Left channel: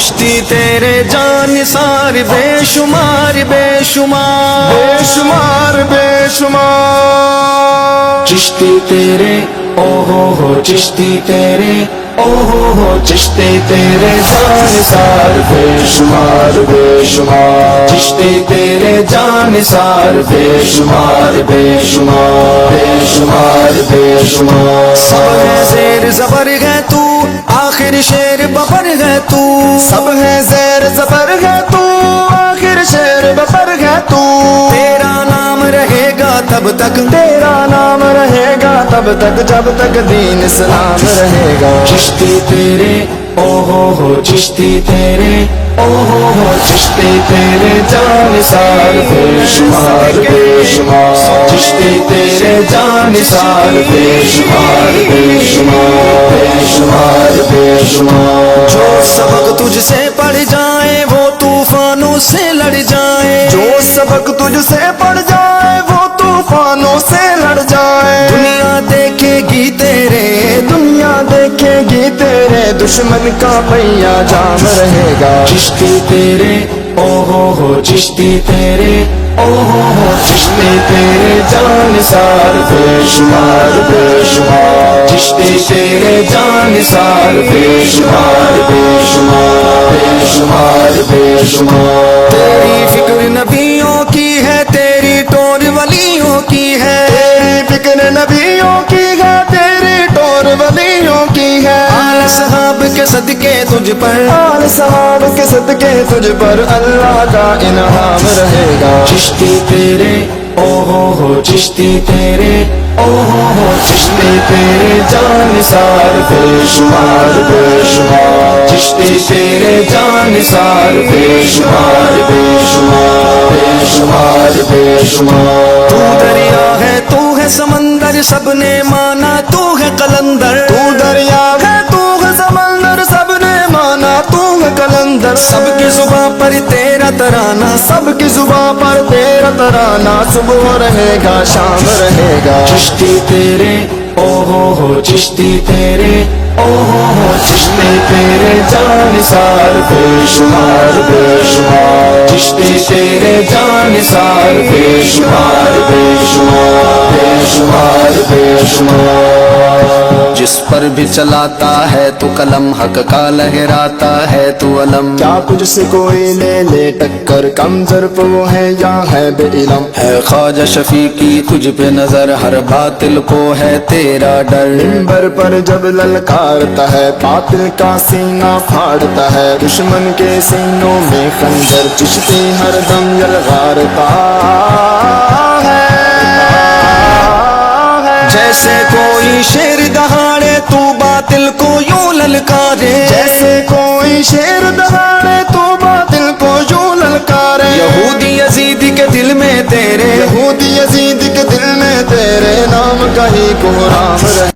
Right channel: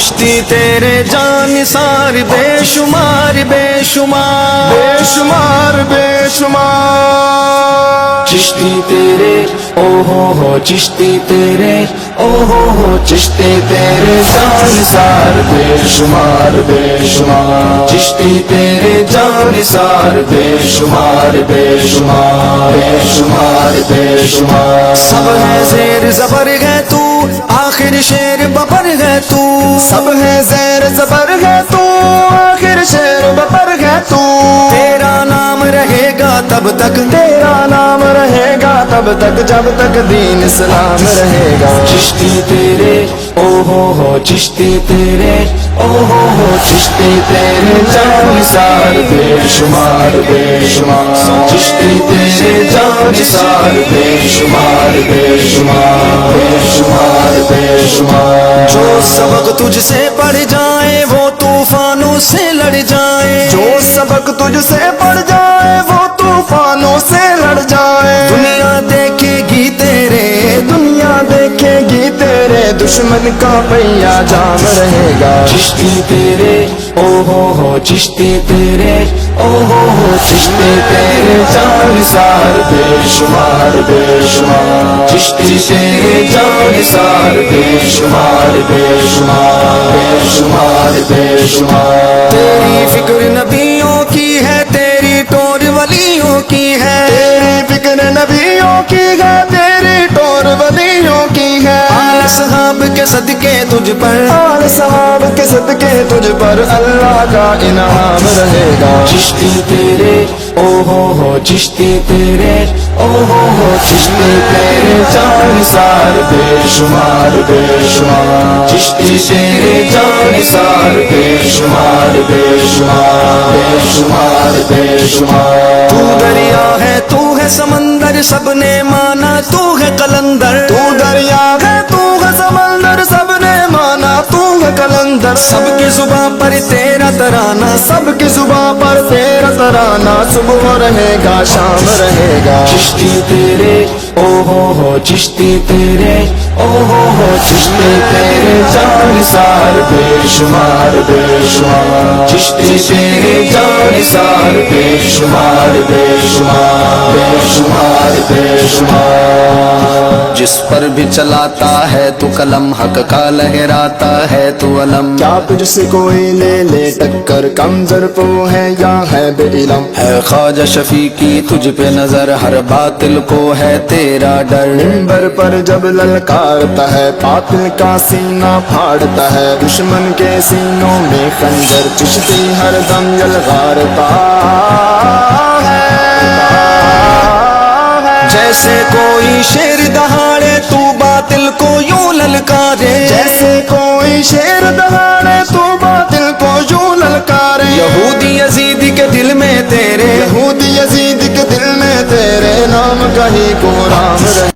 چشتی تیرے جانثار بے شمار بے شمار بے شمار بے شمار چشتی تیرے او ہو چشتی تیرے او ہو چشتی تیرے جانثار بے شمار بے شمار چشتی تیرے جانثار بے شمار بے شمار بے شمار بے شمار سب ہے زیر زبر ہے تو آخر شیر ببر ہے تو سب ہے زیر زبر ہے تو آخر شیر ببر ہے تو تیرا نام رہے گا تب تک تیرا نام رہے گا تب تک جب تک دین اسلام رہے گا چشتی تیرے او ہو چشتی تیرے او ہو چشتی تیرے جانثار بے شمار بے شمار چشتی تیرے جانثار بے شمار بے شمار بے شمار بے شمار جو سبق تجھ سے پڑھ جائے وہ طوفانوں سے لڑ جائے جو سبق تجھ سے پڑھ جائے وہ طوفانوں سے لڑ جائے دنیا دیکھے گی تیرے دنیا دیکھے گی تیرے دشمن کا پہیا جام رہے گا چشتی تیرے او ہو چشتی تیرے او ہو چشتی تیرے جانثار بے شمار بے شمار چشتی تیرے جانثار بے شمار بے شمار بے شمار بے شمار تیری فکر نبیوں کی ہے تیری ٹور ولیوں کی ہے تیری فکر نبیوں کی ہے تیری ٹور ولیوں کی ہے آل صحاب کے صدقے تجھ پر آل صحاب کے صدقے تجھ پر اللہ کا انعام رہے گا چشتی تیرے او ہو چشتی تیرے او ہو چشتی تیرے جانثار بے شمار بے شمار چشتی تیرے جانثار بے شمار بے شمار بے شمار بے شمار تو دریا ہے تو ہے سمندر سب نے مانا تو ہے قلندر تو دریا ہے تو ہے سمندر سب نے مانا تو ہے قلندر سب کی زباں پر تیرا ترانہ سب کی زباں پر تیرا ترانہ صبح رہے گا شام رہے گا چشتی تیرے او ہو چشتی تیرے او ہو چشتی تیرے جانثار بے شمار بے شمار چشتی تیرے جانثار بے شمار بے شمار بے شمار بے شمار جس پر بھی چلاتا ہے تو قلم حق کا لہراتا ہے تو علم کیا تجھ سے کوئی لے لے ٹکر کم ظرف وہ ہے یا ہے بے علم ہے خواجہ شفیع کی تجھ پہ نظر ہر باطل کو ہے تیرا ڈر منبر پر جب للکارتا ہے باطل کا سینہ پھاڑتا ہے دشمن کے سینوں میں خنجر چشتی ہر دم یلغارتا ہے جیسے کوئی شیر دہاڑے تو باطل کو یوں للکارے جیسے کوئی شیر دہاڑے تو باطل کو یوں للکارے یہودی یزید کے دل میں تیرے یہودی یزید کے دل میں تیرے نام کا ہی کوہرام رہے